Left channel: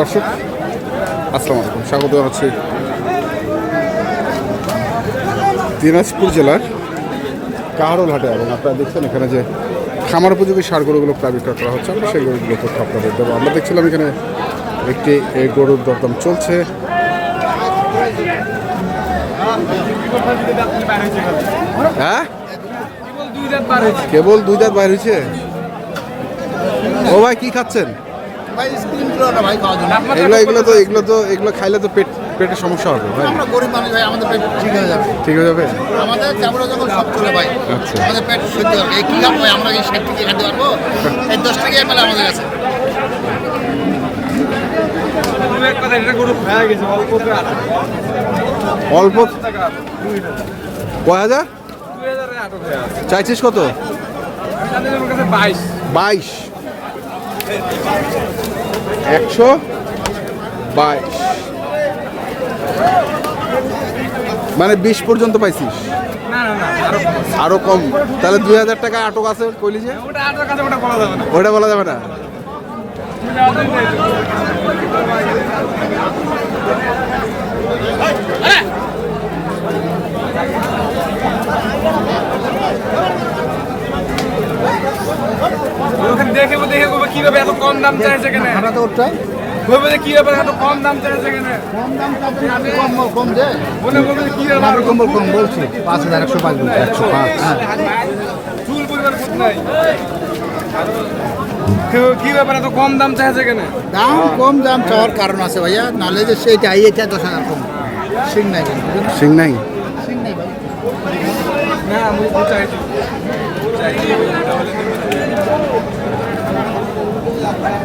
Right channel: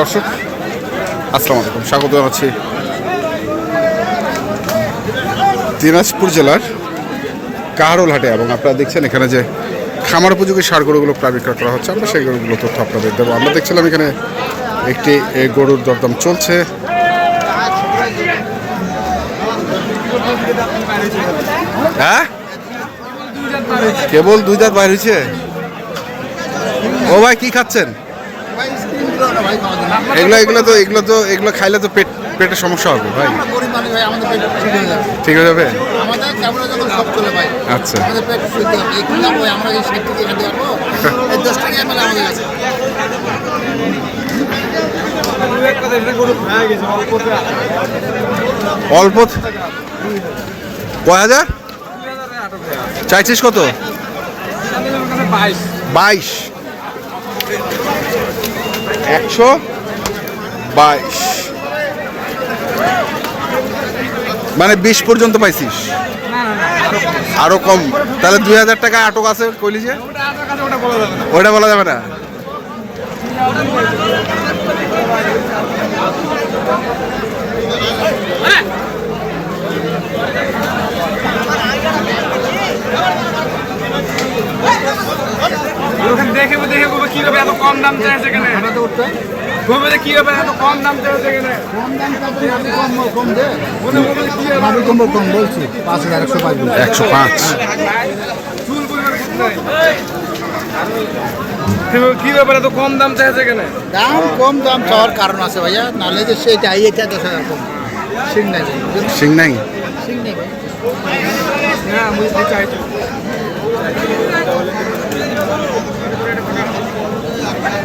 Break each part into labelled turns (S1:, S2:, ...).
S1: দর্শক, আসসালামু আলাইকুম। স্বাগত জানাচ্ছি দিনাজপুর জেলার কাহারোল হাটে এবং আপনারা দেখছেন এখানে যে খামার উপযোগী সার গরুগুলো প্রায় বিক্রয় করা হচ্ছে। আমরা সেই গরুগুলো তথ্য আপনাদের দেবো। আমরা দেখছিলাম এখানে একটি গরুর দরদাম চলছে। হ্যাঁ? কেবল দুই দাঁত বাইর হয়েছে? ও ভাই, কি খাচ্ছেন? এগুলো এগুলো তো এগুলো তো এগুলো খাইলে তো পেট পেটের সমস্যা হবে ভাই।
S2: আমরা গরিব মানুষ ভাই আমাদের পেট ঠিক হয়ে যাবে।
S1: ঠিক হয়ে যাবে?
S2: আমাদের ক্যামেরা যখন সব চলে ভাই
S1: আচ্ছা।
S2: পেট
S1: অল্প কয় হাজার? চাইছিস কত? বাইশ। একশো বাইশ। মানে বিশ পর্যন্ত পাইছিস? আরও কম। তাহলে দুই হাজার টাকা আটক আছে কইলি যে? ওটা বলা যাবে না।
S3: দেখে দেখে কি হবে এত কম দাম চাইছে এখানে। বলবে কি হবে এত কম দাম চাইছে এখানে।
S2: কম দাম আমি কম কম দে।
S3: মনে বলবে কি হবে
S2: আমি কম কম বলছি। পাঁচ হাজার একশো পাঁচ বলছি।
S1: একশো পাঁচ।
S3: চুল বুঝবে কি- ব্যাপার এত কম দাম চাইছে এখানে?
S2: দাম কম দাম চাওয়ার কারণ আছে ভাইয়া। নাহলে যে দশ হাজার কম। সিং নাই।
S1: সিং নাই?
S2: সিং নাই।
S3: না চাইছি
S2: সিংটা
S3: চলে যাক তারপরে দেওয়ার জন্য চাইছি দেওয়ার জন্য চাইছি কম দাম চাইছে।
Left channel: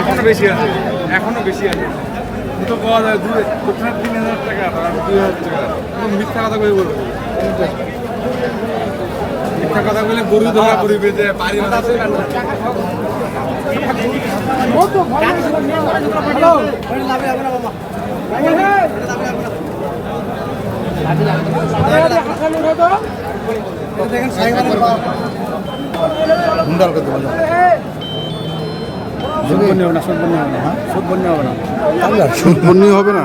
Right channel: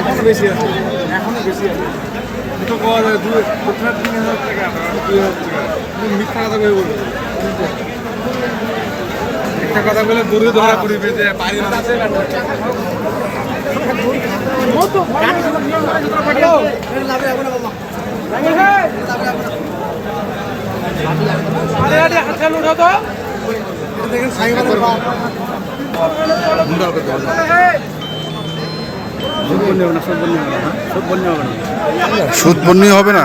S3: এখনও বেশি আছে, এখনও বেশি আছে। দুটো পাওয়া যাবে দুই প্রথমে তিন হাজার টাকা দুই হাজার টাকা। মিথ্যা কথা কই বলব মিথ্যা কথা বলে গরু ধরা করিবে যে পারি না
S1: সুদ হবে না?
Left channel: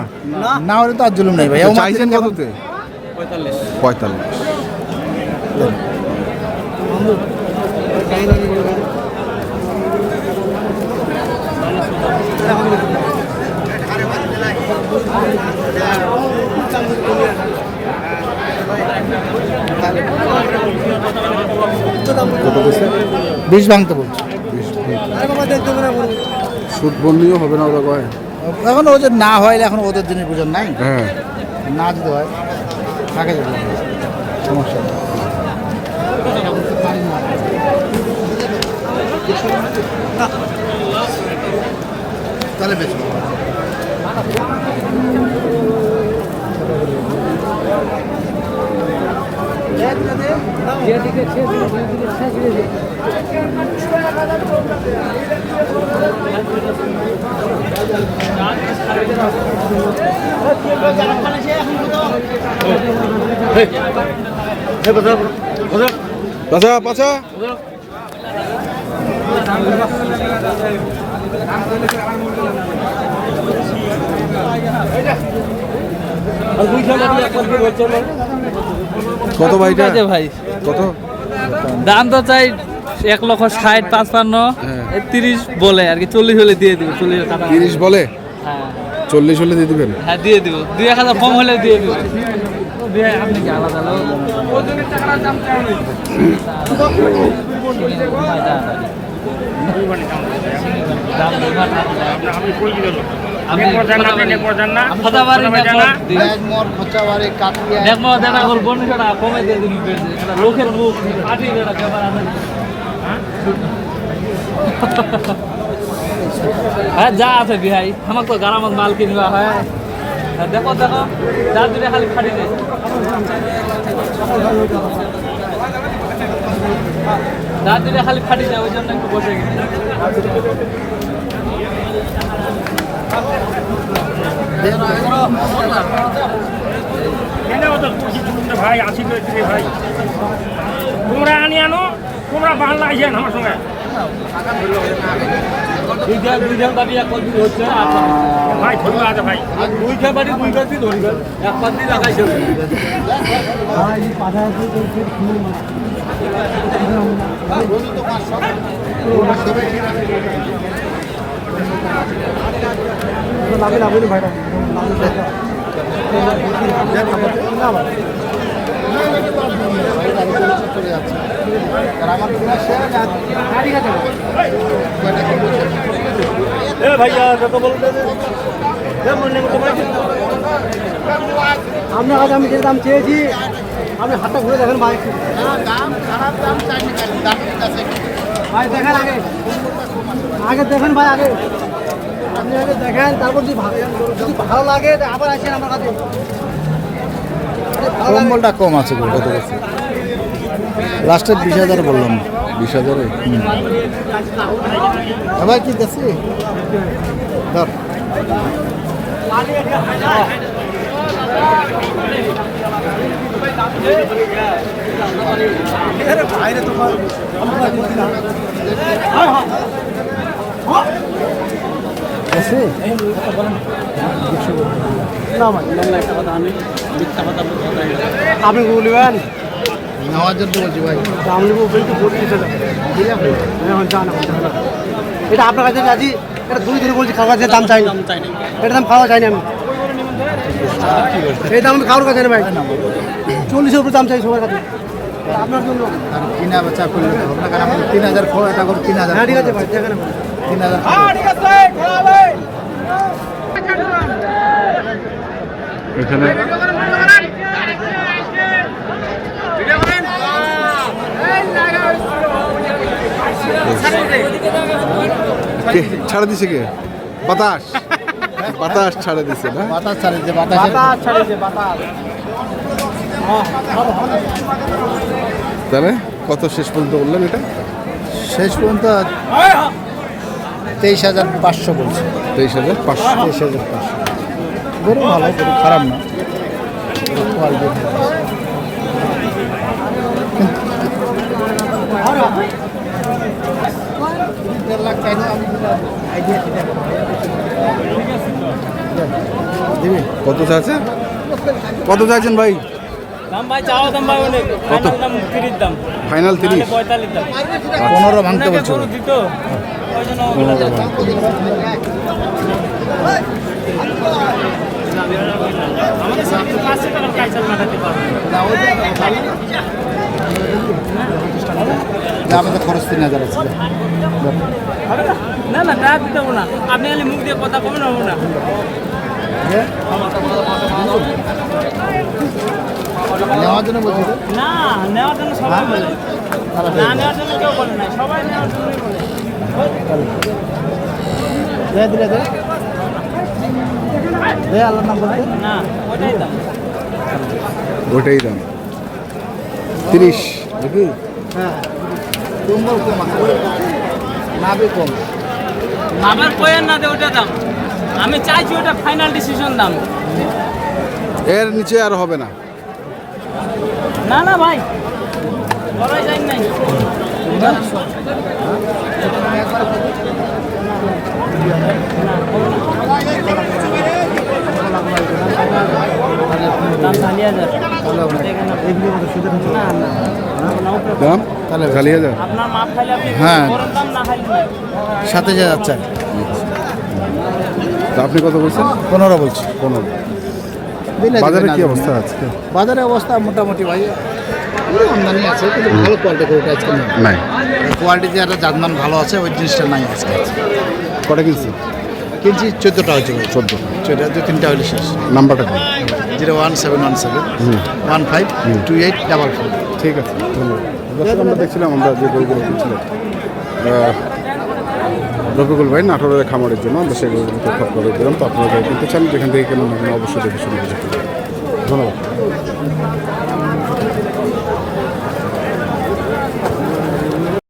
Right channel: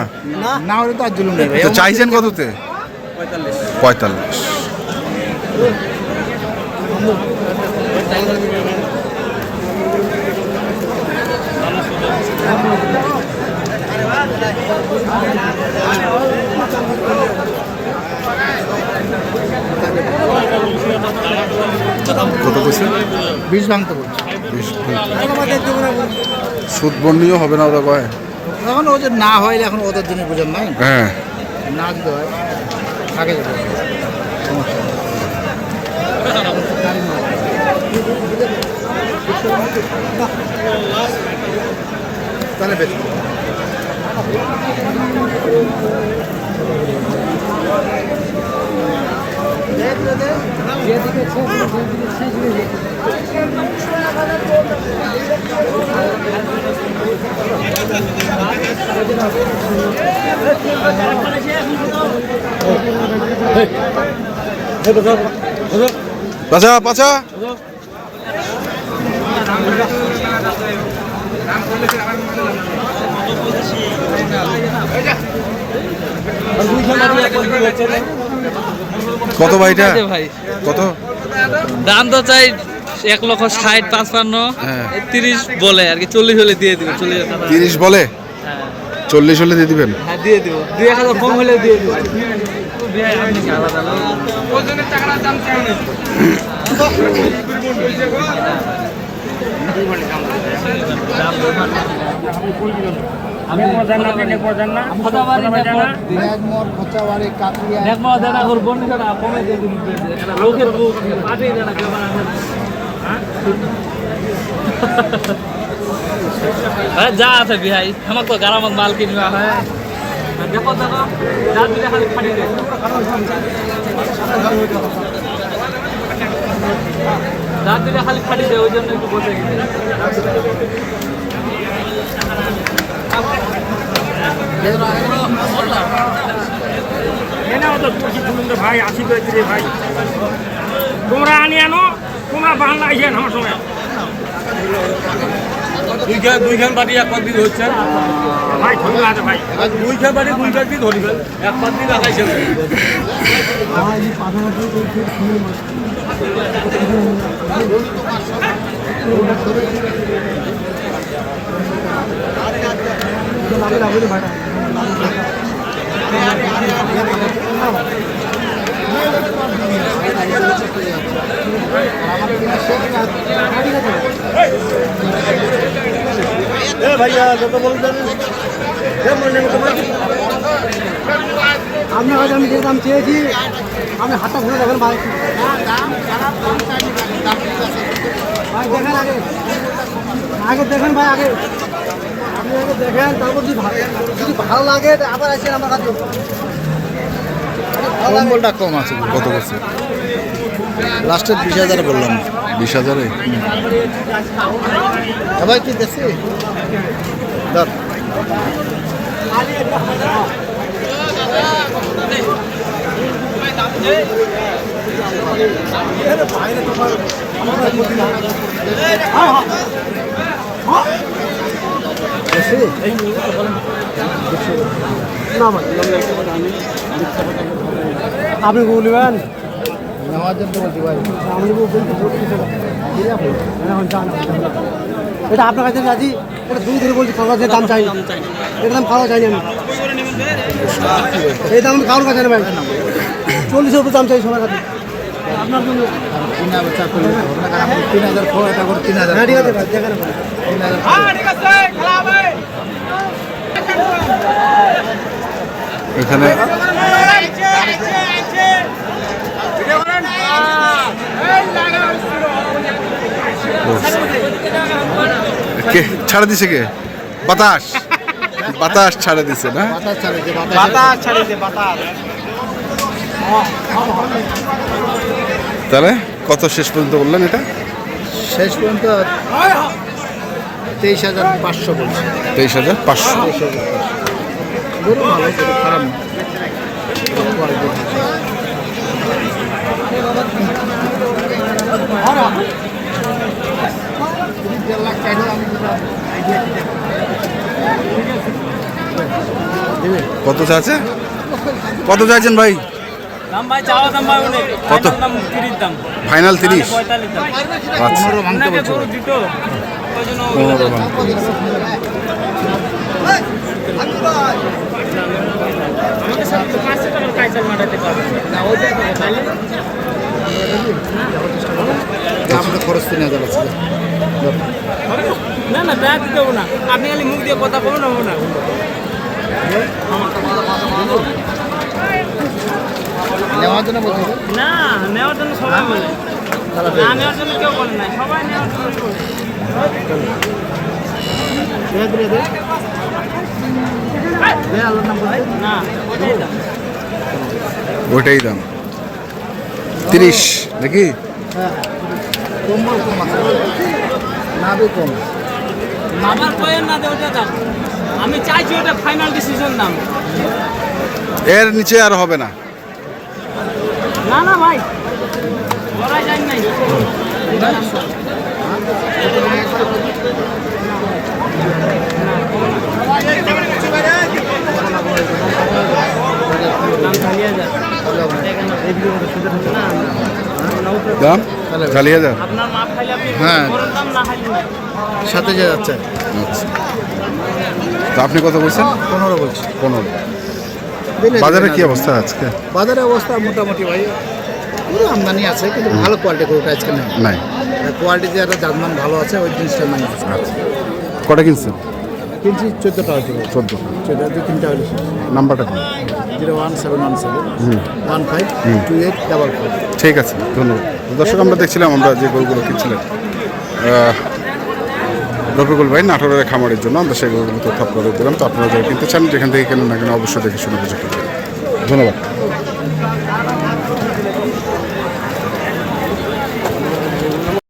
S2: না হলে তো আর জুলুম নেই
S1: চাইছেন কততে? পঁয়তাল্লিশ। কত কইছেন
S2: বিষ ভাঙতে বলছি।
S1: বিশ সুদ বন্যিও হবে না ওরা কয়?
S2: এখন ও যে না হয় এখন ওদের জন্য বোঝেন নাই?
S1: হ্যাঁ।
S2: না যদি হয় আগে যাবে সমস্যা। তাহলে বেশ
S1: পাচা পাচা কত ভাইটা
S4: ভাই।
S1: কত?
S4: দাম তো চাই এক লক্ষ ষাট পাঁচপান্ন।
S1: হ্যাঁ।
S4: তিরিশ বলে আর কি চল্লিশ হলে দিয়ে দিব চল্লিশ
S1: তিরিশ বলে?
S4: হ্যাঁ।
S1: চল্লিশ হলে দিয়ে দিবেন?
S4: হ্যাঁ দিয়ে দিব। দুই এক হাজার কম হলে দিয়ে দিব। লোকের মুখ। হ্যাঁ যা আছে বিহাই আমার তো গারামত মাল কিনবা হয় দেখো দেখো যার দিনে খালি খালি দেয়। রাত্রিরে খালি খালি যায় ওই জন্য একটু বসে গেছি।
S5: ভাই, আসি ভাই। তোমরা আনি আনো, তোমরা বাংলা আইসেন আমার সঙ্গে
S6: দুইখান দুইখান বাড়ি এক পাতি হচ্ছে
S5: ভাই ভাই
S6: দুইখান বাড়ি দুই পাতি ধরবেন। এক পাতি লাগাইছে।
S7: আপনার কাছে আমি আজ আমি যে দাম চেয়েছি আপনি হাতটা ঘুরে দেখেন ভাই। ভাই দেখেন আগে। আগে দেখেন ভাই আগে। আপনি আগে দেখেন তারপর যদি ভালো যদি ভালো লাগে আবার আসেন আমার কাছে।
S2: কম্বলটা কম আছে
S1: কত করছে
S2: লাস্টের বিশ হাজার বললাম
S1: বিশ হাজারে
S2: সবাই কি দেখছি
S7: আপনি বলবেন
S2: নেওয়ার জন্য বলছি ভাই
S7: দাম নেব হাজার এটা আপনার কাছে আছি এটা দুই ধরে বলছি খাওয়ার কাছে দাম চাই। এটা দাম খাওয়া চাইনি আমি। এই দাম আমি খাওয়ার কাছে ভাই। চল্লিশের উপরে দাম চাই সবার কাছে।
S2: করলে তিন হাজার খো এটা করে তিন হাজার
S7: হ্যাঁ ঠিক আছে ভাই দেখেন
S2: তিন হাজার
S1: এখানে কে? ছাড়া দিছে কে? বাতাস। বাতাস ছাড়া দিছে না?
S2: বাতাস বাতাস
S1: তাহলে কত শেষ পর্যন্ত বললেন এটা?
S2: শেষ পর্যন্ত তেইশ হাজার পাঁচশো বলছে।
S1: তেইশ হাজার পাঁচশো।
S2: তেইশ হাজার পাঁচশো ভালো খারাপ না। ভালো।
S1: কত চাচ্ছে কত চাইছেন ভাই?
S4: দাম ভাই চাওয়া দাম ভাই অনেক।
S1: কত? ফাইনাল তিরিশ আচ্ছা।
S2: পনেরো ভাঙতে খরচ তিন হাজার আছে।
S4: না না দিতে হব না। আপনি খালি মুখ দিয়ে কথা কবেন হব না।
S2: নেওয়ার জন্য বলছি তো।
S4: না নেওয়ার জন্য সবাই বলে। না নেওয়ার জন্য কেউ বলে না সবাই নেওয়ার জন্যই বলে।
S2: দে দিলে দে দে আল্লাহর নাম বলে
S4: না ওটাই দাম।
S1: তিরিশ নাকি?
S2: হ্যাঁ কম্বল কম আছে। নাভি কম।
S4: আবার কয়েন না দে ওটা দাম আমি চাইছি ওটা ফাইনাল ডিসিশন দাম
S1: এর নিচে আর হবে না।
S4: না না ভাই। লড়াই যাই নাই। দাম? চালিয়ে
S2: হ্যাঁ।
S4: বড় দাম না খাইলে নাই
S2: হাজার যাচ্ছে।
S1: আচ্ছা তো আপনি কত বলছেন?
S2: পনেরো বলছি।
S1: পনেরো। বাজারে কি অবস্থা আজকে?
S2: বাজারের অবস্থা মোটামুটি ভাই পুরো আমদানি আছে কিন্তু ভালো কোয়ালিটি গরুটা আজকে নাই। কোয়ালিটি যে একটা জাতমান ভালো আছে ওই জিনিসটা নাই আজকে।
S1: আচ্ছা। কটা কিনছেন?
S2: কিনছি চোদ্দোটা হয়েছে ভাই।
S1: চোদ্দ
S2: চোদ্দ দু তিনটা হলে শেষ।
S1: নাম্বারটা কোন?
S2: Zero one seven one seven one five two eight double four.
S1: ঠিক আছে ধন্যবাদ। দর্শক আমরা দেখছিলাম আমরা যে গরুগুলো কিনছিলেন। আহ, রফিকুল ভাই, নাটোরের খামারের জন্য আমরা সেগুলো তথ্য আপনাদের দিলাম। তো আপনারা যারা কিনতে চান, যেখান থেকে কেন না কেন অবশ্যই দেখে শুনে বুঝে ধন্যবাদ।